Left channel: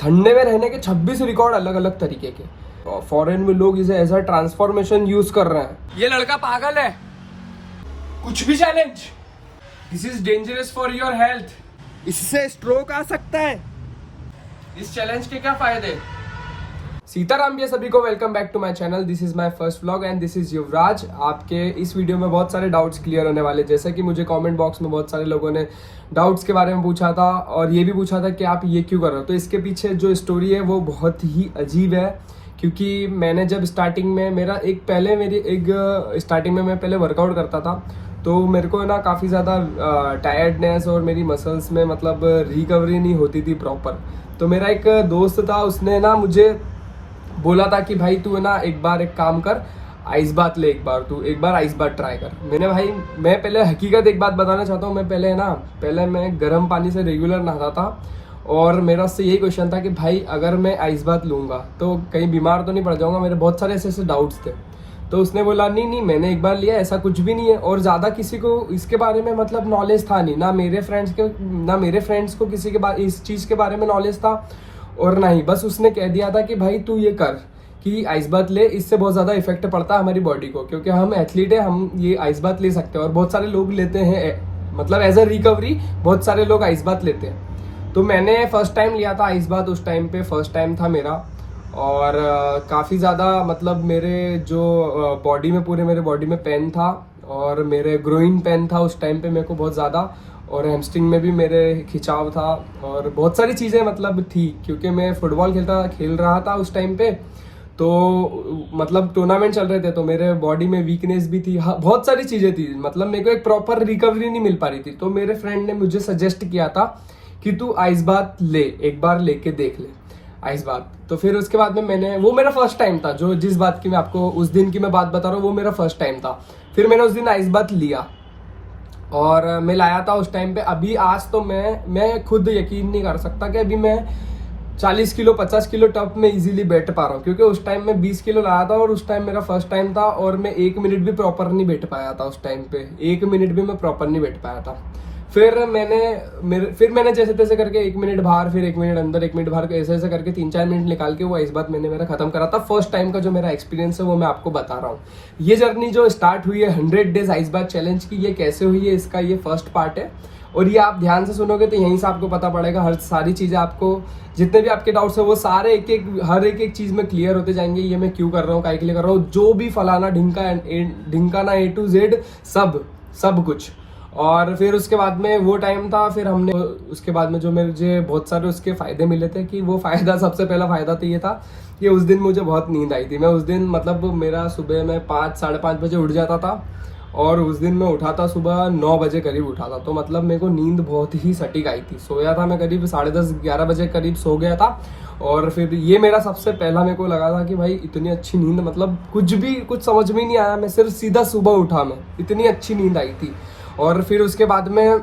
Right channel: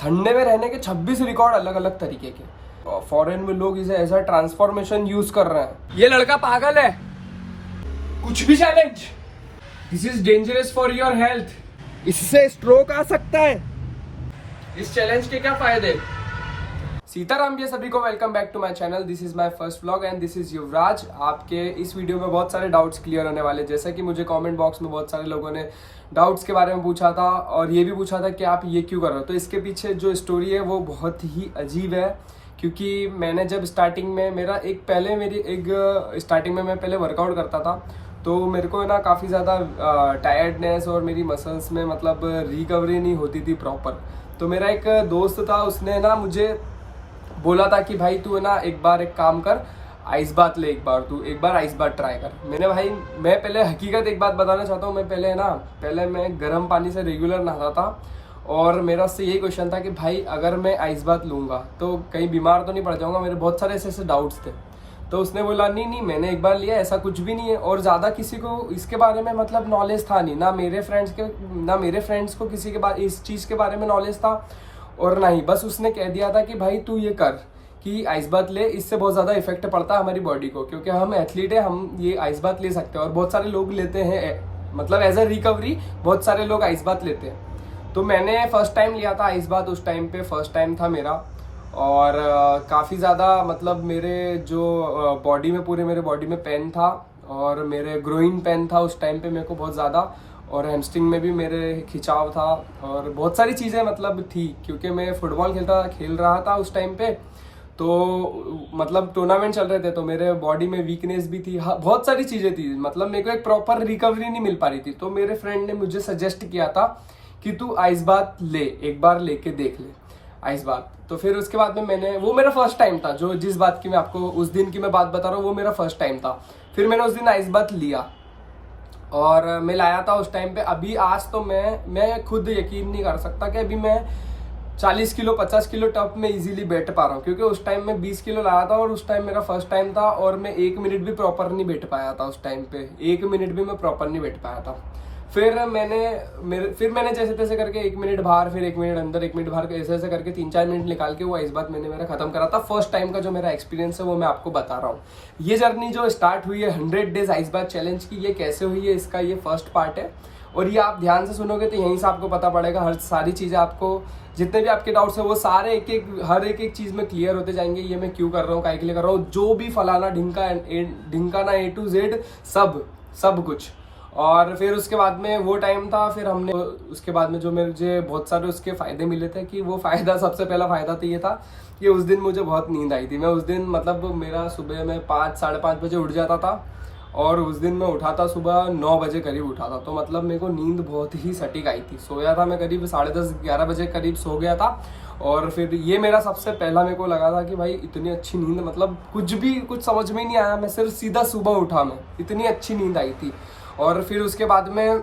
ठंडे में रहने के 26 रिकॉर्ड अलग अलग तरीके के। फॉरेन में लोग इसे ऐसा ट्रांसफॉर्मेशन यूज कर रहे हैं। ये लड़का पागल है, कुछ भी challenge. This is dangerous for your health, इससे स्ट्रोक आ सकता है। इस चैलेंज के क्या फायदे? सीताराम भैया, सभी को welcome back to my channel. This is my first vlog and this is Yuvraj. आपके इस वीडियो में बहुत सारे डाउट्स क्लियर होने वाले, जैसे कि मुझे कमेंट बॉक्स में बहुत सारे लोगों ने डाउट्स के बारे में पूछा था और ये भी पूछा था कि आप ये क्यों कर रहे हो। तो इसके पीछे जो स्टोरी है वो बहुत ही अजीब है, क्योंकि मैंने जब स्टार्टिंग में मैं पहले वर्कआउट करता था, तो मेरे को ना काफ़ी ज़्यादा टायर्डनेस और मेरी मसल्स में मतलब रिकवरी नहीं होती थी प्रॉपर। तो मेरा एक दोस्त था, उसने ना मुझे बोला था कि भाई तू है ना एक काम कर, आइस बात ले, एक बार आइस बात ट्राई कर। मैं पहले हकीकत एक बात बताना चाहता हूँ। पहले मैं गर्म पानी से रेगुलर नहाता था और मेरा उससे यही क्वेश्चन था कि भाई अगर मैं आइस बात लूँगा तो कहीं बीमार तो नहीं पड़ जाऊँगा। मेरे बहुत सारे ऐसे डाउट्स थे। तो उसने बोला नहीं मैंने एक बार लिया, ऐसा कुछ भी नहीं है। और ज़्यादा किसी को इसके बारे में मतलब नॉलेज था नहीं, ना मेरे फ्रेंड्स को किसी के बारे इस चीज़ के बारे में नॉलेज था और ना ही, बस उसने कह दिया था कि भाई तू ये कर कि आइस बात ले, इससे बहुत ज़्यादा इफेक्ट पड़ता है हमारी बॉडी को, क्योंकि हम एथलीट है, हम ये आइस बात ले सकते हैं और बहुत सारे लोग लेते हैं, मतलब एज ए रिकवरी बहुत सारे लोग आइस बात लेते हैं। तो मैंने फर्स्ट टाइम लिया था आइस बात, उस टाइम पे फर्स्ट टाइम था मेरा। और काफ़ी ज़्यादा मतलब मेरे बॉडी में पेन था और मेरे ग्रोइन पेन था उस टाइम पे मेरे को बहुत ज़्यादा, और हैमस्ट्रिंग में भी मेरे खिंचाव था और बहुत सारी चीज़ें मतलब थी, क्योंकि मैं फुटबॉल खेल रहा था उस टाइम पे। तो मतलब टूर्नामेंट चल रहे थे, तो मेरे बॉडी में वीकनेस भी थी। हाँ, बहुत सारी चीज़ें थी, मतलब मेरे को एक प्रॉपर रिकवरी नहीं मिल पा रही थी। तो मेरे फ्रेंड ने मुझे सजेस्ट किया था कि तू आइस बात ले, एक बार लेके देख ले आइस बात। तो फिर उसके बाद में वो मेरा फर्स्ट टाइम था, जो जिस बात की मैं आपको उस दिन की मैं बात बता रहा हूँ, वो मेरा फर्स्ट टाइम था। फिर मैंने उस दिन आइस बात लिया और मैं लाया था उस टाइम पे। अभी आज तो मैं खुद यकीन नहीं कर सकता कि अभी मैं 40 किलो 50 किलो टप में इजीली बैठ पा रहा हूँ, क्योंकि उस टाइम मैं 20 किलो लाया था और उस टाइम मेरा फर्स्ट टाइम था और मैं 1 मिनट भी प्रॉपर नहीं बैठ पाया था उस टाइम पे। 1 मिनट भी मैं प्रॉपर नहीं बैठ पाया था। फिर मैंने जैसे तैसे करके 1 मिनट बाहर, फिर 1 मिनट अंदर, 1 मिनट बाहर, ऐसे करके 3-4 मिनट निकाल के वो आइस बात मैंने मेरा खत्म करा था। फर्स्ट टाइम का जो मेरा एक्सपीरियंस है वो मैं आपको बता रहा हूँ। ये जर्नी जो स्टार्ट हुई है 100 डेज आइस बात चैलेंज की, ये कैसे हुई है, इसका ये फर्स्ट पार्ट है। और ये आप ध्यान से सुनोगे तो यहीं से आपको पता पड़ेगा, हर सारी चीज़ें आपको, जितने भी आपके डाउट्स है वो सारे हर एक चीज़ में क्लियर होते जाएंगे। ये मैं क्यों कर रहा हूँ, काहे के लिए कर रहा हूँ, जो भी फलाना ढिंका ना A to Z सब कुछ। और फिर उसके बाद में वो टाइम था, फिर हमने उसके बाद में जो मुझे बहुत सारे उसके फ़ायदे मिले थे, कि वो फ़ायदा, सबसे पहला फ़ायदा तो ये था कि उस दिन मुझे बहुत नींद आई थी। मैं उस दिन मतलब मेरा सुबह में 5 साढ़े 5 बजे उठ जाता था और उस दिन मैं उठा था सुबह 9 बजे करीब उठा था। तो मतलब मेरे को नींद बहुत ही सटीक आई थी। सोया था मैं करीब 10:30-11 बजे करीब सो गया था। और फिर ये मेरा सबसे पहला, मेरे को लगा था कि भाई इतनी अच्छी नींद, मतलब कुछ समझ में नहीं आया, मैं सिर्फ सीधा सुबह उठा, मैं इतनी अच्छी नींद आई थी। और फिर उसके बाद में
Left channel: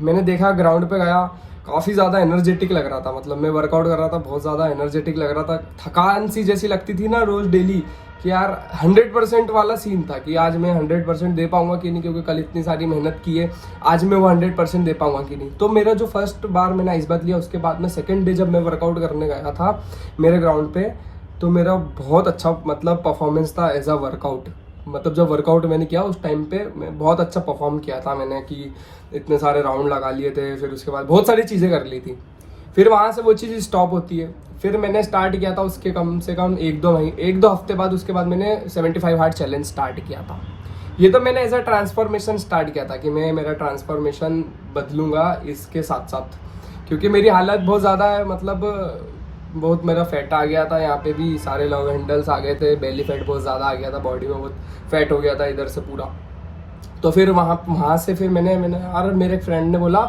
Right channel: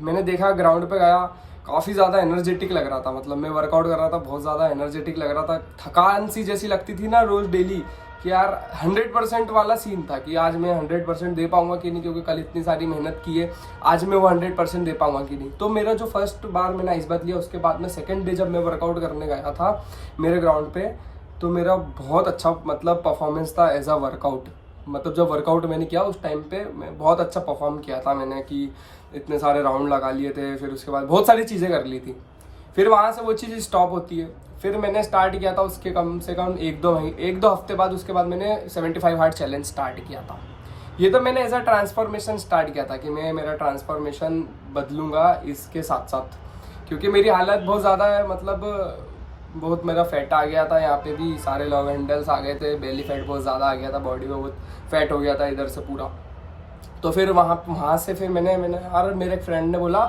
मैंने देखा, ग्राउंड पे गया, काफ़ी ज़्यादा एनर्जेटिक लग रहा था, मतलब मैं वर्कआउट कर रहा था, बहुत ज़्यादा एनर्जेटिक लग रहा था। थकान सी जैसी लगती थी ना रोज़ डेली, कि यार 100% वाला सीन था कि आज मैं 100% दे पाऊंगा कि नहीं, क्योंकि कल इतनी सारी मेहनत की है, आज मैं वो 100% दे पाऊंगा कि नहीं। तो मेरा जो फर्स्ट बार मैंने आइस बात लिया, उसके बाद में सेकंड डे जब मैं वर्कआउट करने गया था मेरे ग्राउंड पे, तो मेरा बहुत अच्छा मतलब परफॉर्मेंस था एज अ वर्कआउट। मतलब जब वर्कआउट मैंने किया उस टाइम पे मैं बहुत अच्छा परफॉर्म किया था मैंने, कि इतने सारे राउंड लगा लिए थे, फिर उसके बाद बहुत सारी चीज़ें कर ली थी। फिर वहाँ से वो चीज़ स्टॉप होती है। फिर मैंने स्टार्ट किया था उसके कम से कम 1-2 हफ्ते बाद, उसके बाद मैंने 75 हार्ड चैलेंज स्टार्ट किया था। ये तो मैंने एज अ ट्रांसफॉर्मेशन स्टार्ट किया था कि मैं मेरा ट्रांसफॉर्मेशन बदलूंगा इसके साथ साथ, क्योंकि मेरी हालत बहुत ज़्यादा है, मतलब बहुत मेरा फैट आ गया था, यहाँ पे भी सारे लव हैंडल्स आ गए थे, बेली फैट बहुत ज़्यादा आ गया था, बॉडी में बहुत फैट हो गया था इधर से पूरा। तो फिर वहाँ से फिर मैंने यार, मेरे एक फ्रेंड ने बोला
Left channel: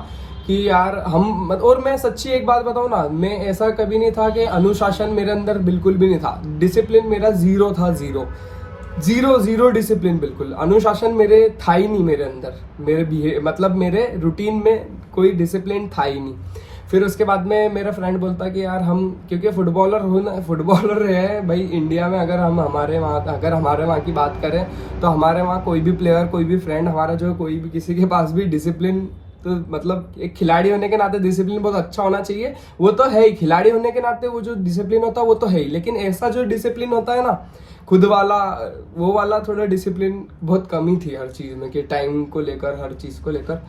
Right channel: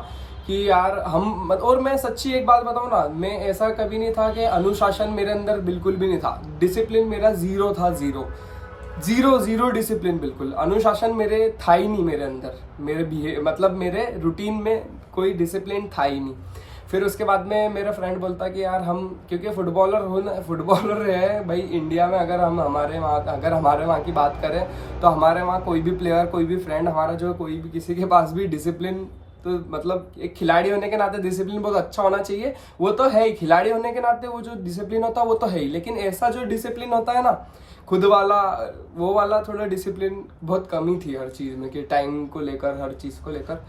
कि यार और मैं सच्ची एक बात बताऊँ ना, मैं ऐसा कभी नहीं था कि अनुशासन मेरे अंदर बिल्कुल भी नहीं था, डिसिप्लिन मेरा ज़ीरो था, ज़ीरो डिसिप्लिन, बिल्कुल अनुशासन मेरे था ही नहीं मेरे अंदर, मतलब मेरे रूटीन में कोई डिसिप्लिन था ही नहीं। फिर उसके बाद में मेरा फ्रेंड बोलता कि यार हम, क्योंकि फुटबॉलर है भाई इंडिया में, अगर हमारे वहाँ की बात करें तो हमारे वहाँ कोई भी प्लेयर, कोई भी फ्रेंड हमारा, जो कोई भी किसी के पास भी डिसिप्लिन तो मतलब एक खिलाड़ी होने के नाते डिसिप्लिन बहुत अच्छा होना चाहिए, वो तो है ही। खिलाड़ी होने के नाते वो जो डिसिप्लिन होता है वो तो है ही, लेकिन ऐसा जो डिसिप्लिन होता है ना खुद वाला, वो वाला थोड़ा डिसिप्लिन बहुत कमी थी हर चीज़ में, कि टाइम को लेकर, हर चीज़ को लेकर।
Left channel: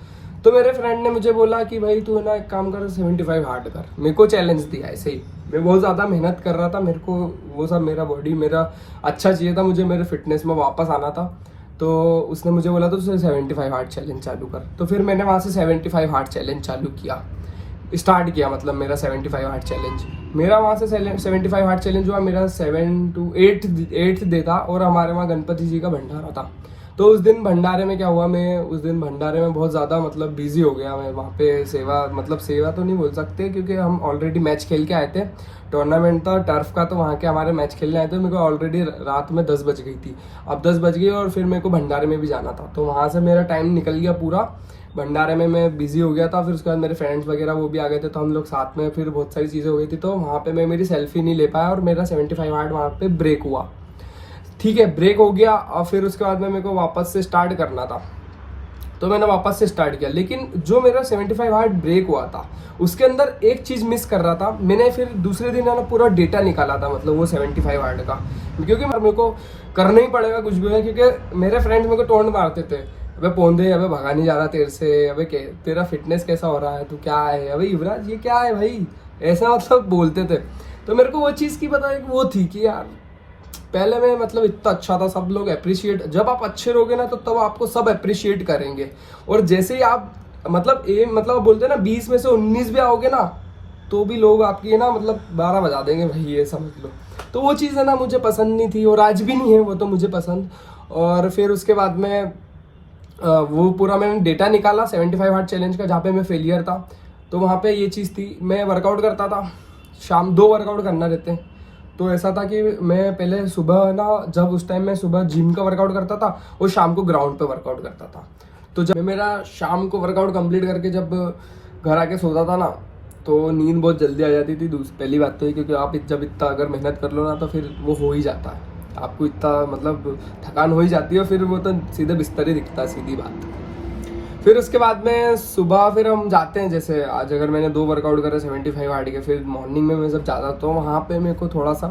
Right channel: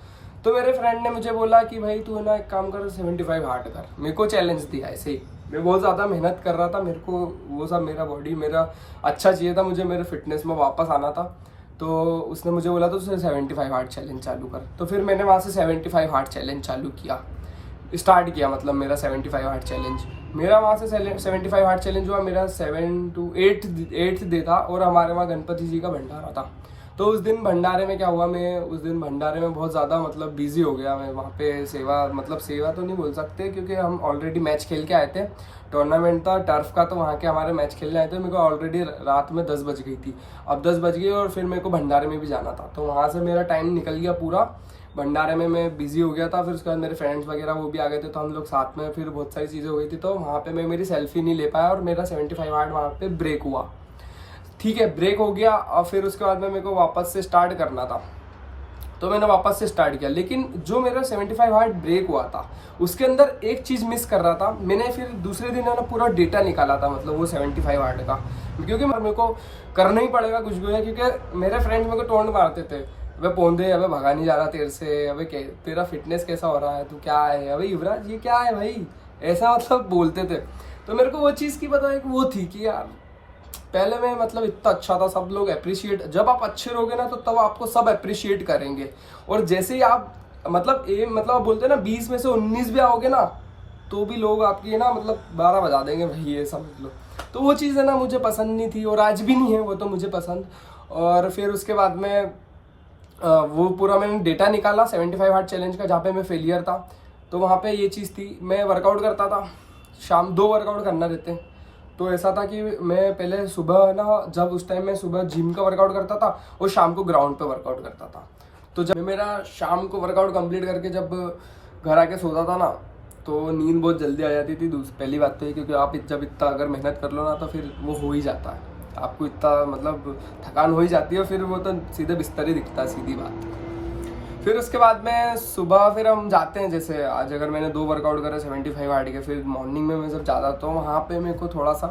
तो मेरे फ्रेंड ने मुझे बोला कि भाई तू है ना एक काम कर, 75 हार्ड कर। मेरे को चैलेंज दिया ऐसे ही। मैं बहुत ज़्यादा मेहनत कर रहा था, मेरे को वो सब, मेरा बॉडी मेरा अच्छा चाहिए था, मुझे मेरे फिटनेस में वापस आना था। तो उसने मुझे बोला तो 75 हार्ड चैलेंज चालू कर। तो फिर मैंने वहाँ से 75 हार्ड चैलेंज चालू किया, स्टार्ट किया, मतलब मेरा 75 हार्ड चैलेंज। मेरा वहाँ से 75 हार्ड चैलेंज हुआ मेरा 7 to 8 डे था, और हमारे वहाँ गणपति जी का भंडारा था। तो उस दिन भंडारे में क्या हुआ, मैं उस दिन भंडारे में बहुत ज़्यादा मतलब बिजी हो गया। मैं वहाँ पे सेवा, मतलब सेवा तो नहीं बोल सकते, क्योंकि हम ऑलरेडी मैच खेल के आए थे, टूर्नामेंट था टर्फ का, तो वहाँ के हमारे मैच खेलने आए थे। मेरे को ऑलरेडी रात में 10 बज गई थी, अब 10 बज गई, और फिर मेरे को भंडारे में भी जाना था। तो वहाँ से मेरा टाइम निकल गया पूरा, भंडारे में मैं बिजी हो गया था। फिर उसके बाद मेरे फ्रेंड्स वगैरह वो भी आ गए थे, तो हम लोग साथ में, फिर बहुत सारी चीज़ें हो गई थी। तो वहाँ पे मैं मेरी सेल्फी नहीं ले पाया, और मेरा 75 हार्ड वहाँ पे ब्रेक हुआ। ठीक है, ब्रेक हो गया, और फिर उसके बाद में मेरे को वापस से स्टार्ट करना था, तो मैंने वापस से स्टार्ट किया। लेकिन जो मेरा 75 हार्ड ब्रेक हुआ था, उसके अंदर एक चीज़ मिस कर रहा था। मैंने फिर दूसरे दिन है ना पूरा डेटा निकाला था, मतलब वो 75 हार्ड का, क्योंकि मेरे को करना ही पड़ेगा कुछ भी हो, क्योंकि मेरे फ्रेंड्स मेरे को टोंट मारते थे, अबे पौंदे, अबे भगा नहीं जा रहा तेरे से, अबे तेरा फिटनेस कैसा हो रहा है, तू क्या है, अबे युवराज ये क्या है भाई, ऐसा मतलब बोलते थे। तो मेरे को वो चीज़ की पता है, वो थी कि यार पहले मैं मतलब इतना अच्छा था, सब लोग अप्रिशिएट, जब आप अच्छे रहोगे ना तो तब आपको सब अप्रिशिएट करेंगे। और जैसे ही आप मतलब बोलते हैं ना 20 में से 19 भी आओगे ना, तो भी लोग आपकी ना मतलब 12 बजा देंगे भाई, ये समझ लो। तो वो चीज़ है ना मुझे पसंद नहीं थी, और आज भी नहीं है वो तो मुझे पसंद। और फिर उसके बाद में वो पूरा मैंने डेटा निकाला 75 हार्ड चैलेंज का, जहाँ पे मैं फेलियर था। तो वहाँ पे ये चीज़ थी, मैं वर्कआउट करता था, शाम 2 वर्कआउट करना रहते हैं। तो ऐसा था कि मैं पहले सुबह ना, जब उस टाइम मैं सुबह जिम का वर्कआउट करता था और शाम को ग्राउंड पे वर्कआउट करता था। तो जब मैं मेरा शाम को वर्कआउट कंप्लीट करके जब घर आके सोता था ना, तो नींद बहुत जल्दी आ जाती थी। पहली बात तो ये, क्योंकि आप जब इतना अगर मेहनत कर लो ना, तो फिर वो हो ही जाता है, आपको इतना मतलब थकान हो ही जाती है, फिर वो तो सीधे बिस्तर ही दिखता है, सीधी बात। फिर उसके बाद में सुबह फिर हम जाते हैं, जैसे आज अगर मैंने 2 वर्कआउट करे 75 हार्ड के, फिर मॉर्निंग में मैं जब जाता तो वहाँ पे मेरे को थोड़ा सा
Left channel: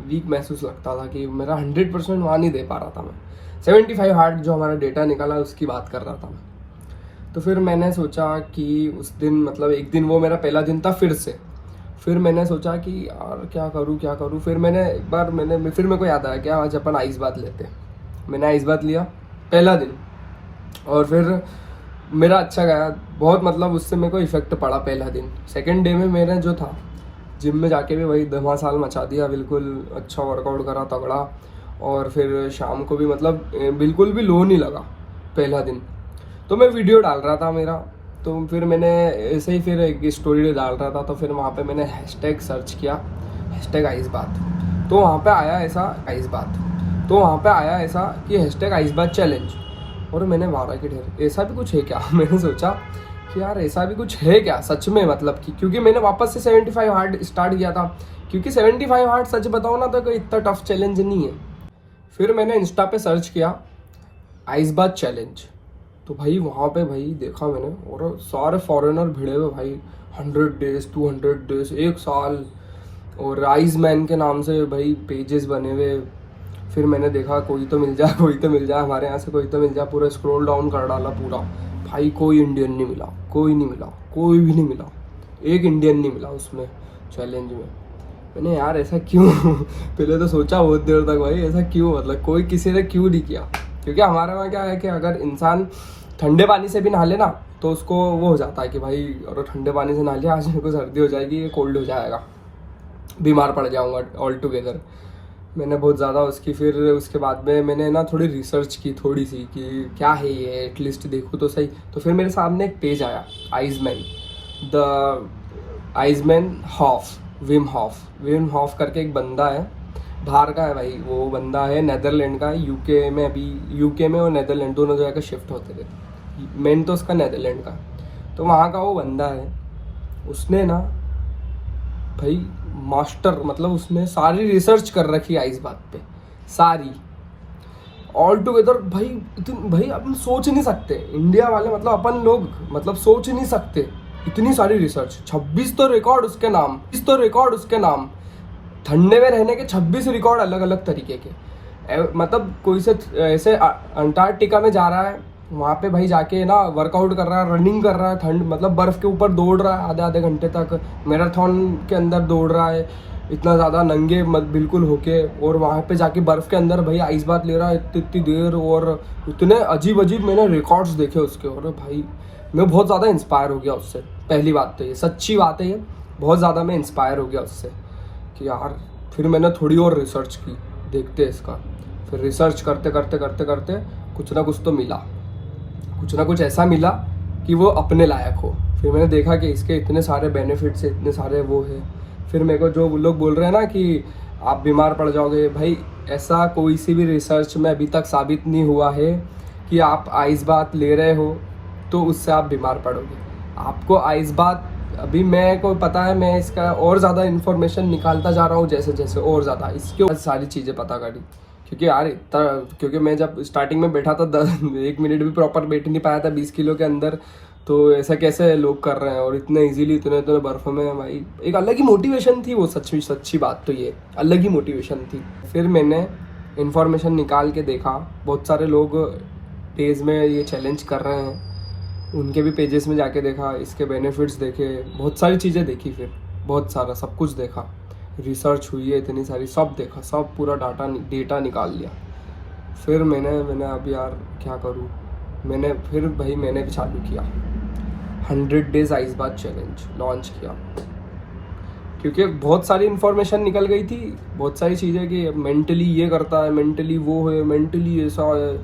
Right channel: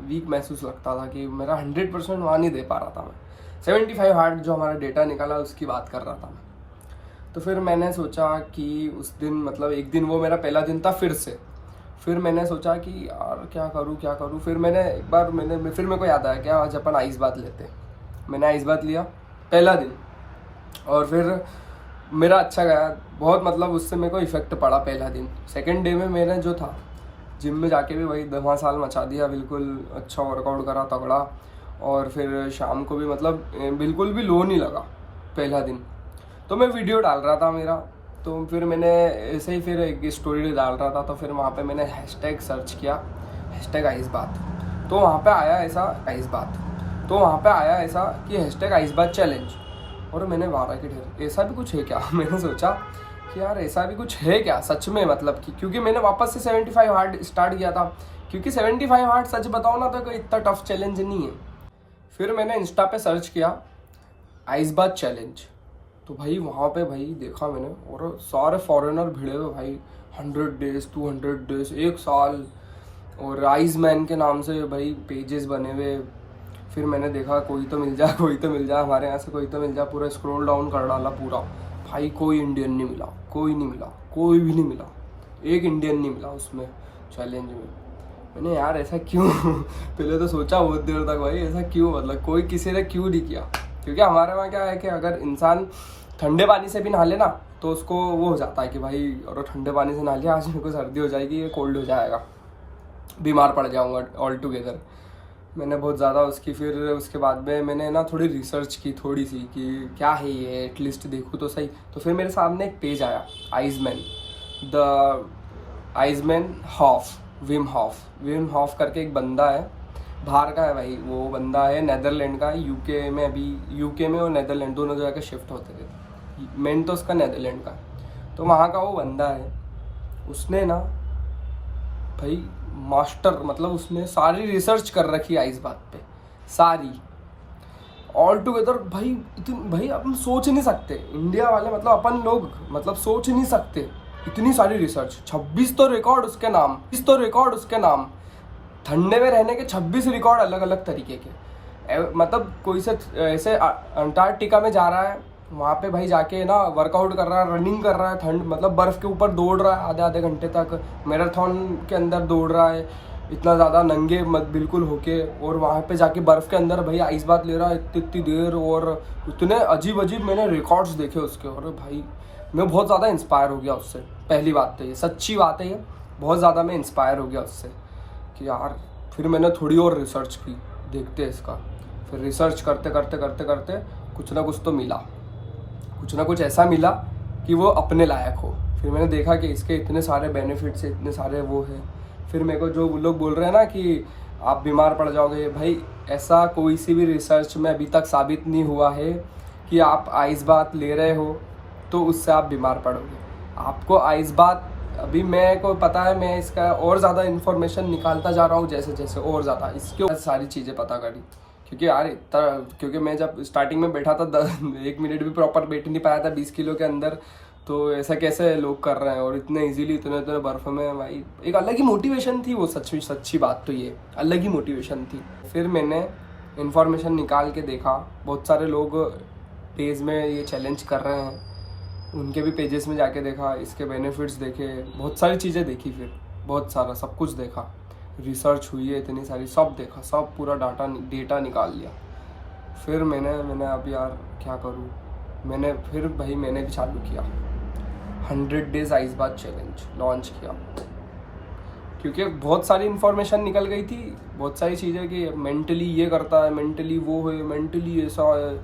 वीक महसूस लगता था, कि मेरा 100% वहाँ नहीं दे पा रहा था मैं। 75 हार्ड जो हमारा डेटा निकाला उसकी बात कर रहा था मैं। तो फिर मैंने सोचा कि उस दिन मतलब एक दिन वो मेरा पहला दिन था फिर मैंने सोचा कि यार क्या करूँ। फिर मैंने एक बार फिर मेरे को याद आया, क्या आज अपन आइस बात लेते। मैंने आइस बात लिया पहला दिन, और फिर मेरा अच्छा गया बहुत, मतलब उससे मेरे को इफेक्ट पड़ा पहला दिन। सेकंड डे में मैंने जो था जिम में जाके भी वही धमासाल मचा दिया, बिल्कुल अच्छा वर्कआउट करा तगड़ा। और फिर शाम को भी मतलब बिल्कुल भी लो नहीं लगा पहला दिन। तो मैं वीडियो डाल रहा था मेरा, तो फिर मैंने ऐसे ही फिर एक स्टोरी डाल रहा था, तो फिर वहाँ पे मैंने हैशटैग सर्च किया, हैशटैग आइस बात। तो वहाँ पे आया ऐसा कि हैशटैग आइस बात चैलेंज। और मैंने मारा कि ढेर ऐसा भी कुछ है क्या मैंने सोचा कि यार ऐसा भी कुछ है क्या सच में, मतलब कि क्योंकि मैंने वापस से 75 हार्ड स्टार्ट किया था, क्योंकि 75 हार्ड सच बताओ ना तो कोई इतना टफ चैलेंज नहीं है। फिर मैंने इंस्टा पे सर्च किया आइस बात चैलेंज, तो भाई वहाँ पे भाई देखा मैंने, और सारे फॉरेनर भिड़े हुए भाई, 100 डेज 200 डेज 1 साल, और आइस मैन के नाम से भाई पेजेस बने हुए। फिर मैंने देखा कोई तो मिल जाए हमारे यहाँ से, कोई तो मिल जाए। पूरा स्क्रॉल डाउन कर डाला पूरा, भाई कोई इंडियन नहीं मिला, कोई भी नहीं मिला, एक इंडियन नहीं मिला उसमें चैलेंज में। मैंने यार ऐसा क्यों पहले तो सोचा बहुत देर तक भाई ऐसा क्यों, मतलब कोई किसी ने क्यों नहीं किया। क्योंकि हमारे वहाँ क्या है कि अगर इंसान ठंडे पानी से भी नहा ले ना, तो उसको वो हो जाता है कि भाई और ठंडे पानी से नहा लिया, आज मेरे को सर्दी हो जाएगी, ये कोल्ड हो जाएगा, बीमार पड़ जाऊँगा ऑल टुगेदर। मैंने बहुत ज़्यादा फिर उसके बाद में मैंने ना थोड़ी रिसर्च की थोड़ी सी, कि क्या है ये, एटलीस्ट देखूँ तो सही। तो फिर मेरे सामने एक पेज आया, आइसमैन विम हॉफ करके एक बंदा है, बाहर का है भाई वो बंदा है, नेदरलैंड का है, यूके में और नेदरलैंड दोनों जगह का शिफ्ट होते रहते, मेन तो उसका नेदरलैंड का। तो वहाँ का वो बंदा है, उसने ना भाई मास्टर, मतलब उसने सारी रिसर्च कर रखी आइस बात पे सारी। ऑल टुगेदर भाई अपन सोच नहीं सकते, इंडिया वाले मतलब अपन लोग मतलब सोच नहीं सकते इतनी सारी रिसर्च। 26 तो रिकॉर्ड उसके नाम, ठंडे में रहने के 26 रिकॉर्ड अलग अलग तरीके के। मतलब कोई से ऐसे अंटार्कटिका में जा रहा है, वहाँ पे भाई जाके ना वर्कआउट कर रहा है, रनिंग कर रहा है, ठंड मतलब बर्फ़ के ऊपर दौड़ रहा है आधे घंटे तक, मैराथन के अंदर दौड़ रहा है इतना ज़्यादा नंगे मत बिल्कुल होके, और वहाँ पे जाके बर्फ़ के अंदर भाई आइस बात ले रहा है इतनी देर, और इतने अजीब मैंने रिकॉर्ड्स देखे उसके। और भाई मैं बहुत ज़्यादा इंस्पायर हो गया उससे। पहली बात तो ये सच्ची बात है, ये बहुत ज़्यादा मैं इंस्पायर हो गया उससे कि यार। फिर मैंने थोड़ी और रिसर्च की, देखते इसका। फिर रिसर्च करते कुछ ना कुछ तो मिला, कुछ ना कुछ ऐसा मिला कि वो अपने लायक हो। फिर मैंने देखा कि इसके इतने सारे बेनिफिट्स है, इतने सारे वो है। फिर मेरे को जो लोग बोल रहे हैं ना कि आप बीमार पड़ जाओगे, भाई ऐसा कोई सी भी रिसर्च में अभी तक साबित नहीं हुआ है कि आप आइस बात ले रहे हो तो उससे आप बीमार पड़ोगे। आपको आइस बात, अभी मैं को पता है, मैं इसका और ज़्यादा इन्फॉर्मेशन निकालता जा रहा हूँ जैसे जैसे, और ज़्यादा इसके सारी चीज़ें पता करी। क्योंकि यार क्योंकि मैं जब स्टार्टिंग में बैठा था 1 मिनट भी प्रॉपर बैठ नहीं पाया था 20 किलो के अंदर, तो ऐसा कैसे लोग कर रहे हैं और इतने इजीली इतने बर्फ़ में। भाई एक अलग ही मोटिवेशन थी वो, सच्ची बात तो ये अलग ही मोटिवेशन थी। फिर मैंने इन्फॉर्मेशन निकाल के देखा, बहुत सारे लोग पेज में ये चैलेंज कर रहे हैं, उनके भी पेजेस में जाके देखा, इसके बेनिफिट्स देखे, बहुत सारी चीज़ें देखी। फिर बहुत सारा सब कुछ देखा, रिसर्च हुई है इतनी सारी, सब देखा, सब पूरा डेटा निकाल लिया। फिर मैंने अब यार क्या करूँ, मैंने भी चालू किया 100 डेज आइस बात चैलेंज लॉन्च किया। क्योंकि बहुत सारी इन्फॉर्मेशन निकल गई थी, बहुत सारी चीज़ें कि मेंटली ये करता है, मेंटली वो है, मेंटली ऐसा है,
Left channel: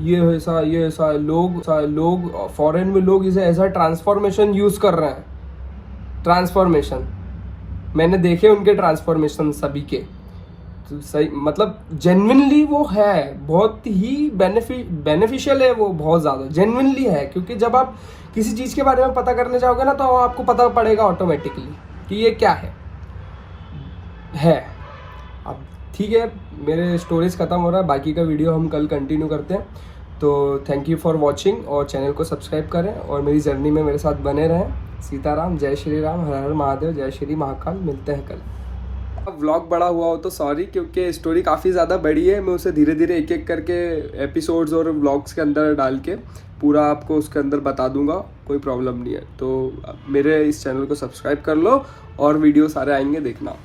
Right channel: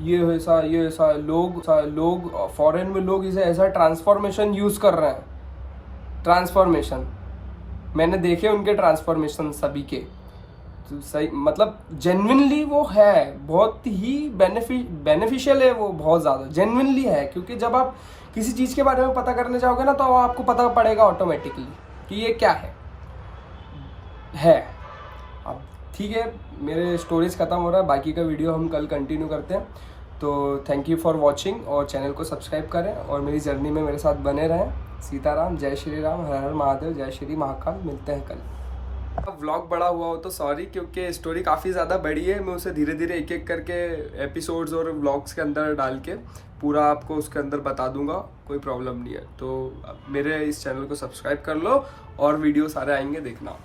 ये ऐसा है। लोग फॉरेन में लोग इसे ऐसा ट्रांसफॉर्मेशन यूज़ कर रहे हैं। ट्रांसफॉर्मेशन मैंने देखे उनके ट्रांसफॉर्मेशन सभी के, तो सही मतलब जेन्युइनली वो है, बहुत ही बेनिफिशियल है वो, बहुत ज़्यादा जेन्युइनली है। क्योंकि जब आप किसी चीज़ के बारे में पता करने जाओगे ना, तो आपको पता पड़ेगा ऑटोमेटिकली कि ये क्या है। अब ठीक है, मेरे स्टोरीज ख़त्म हो रहा है, बाकी का वीडियो हम कल कंटिन्यू करते हैं। तो थैंक यू फॉर वॉचिंग, और चैनल को सब्सक्राइब करें और मेरी जर्नी में मेरे साथ बने रहें। सीताराम, जय श्री राम, हर हर महादेव, जय श्री महाकाल। मिलते हैं कल। अब व्लॉग बड़ा हुआ हो तो सॉरी, क्योंकि स्टोरी काफ़ी ज़्यादा बड़ी है। मैं उसे धीरे धीरे एक एक करके एपिसोड्स और व्लॉग्स के अंदर डाल के पूरा आपको उसके अंदर बता दूंगा, कोई प्रॉब्लम नहीं है। तो मेरे इस चैनल को सब्सक्राइब कर लो और वीडियो सारे आएंगे, देखना।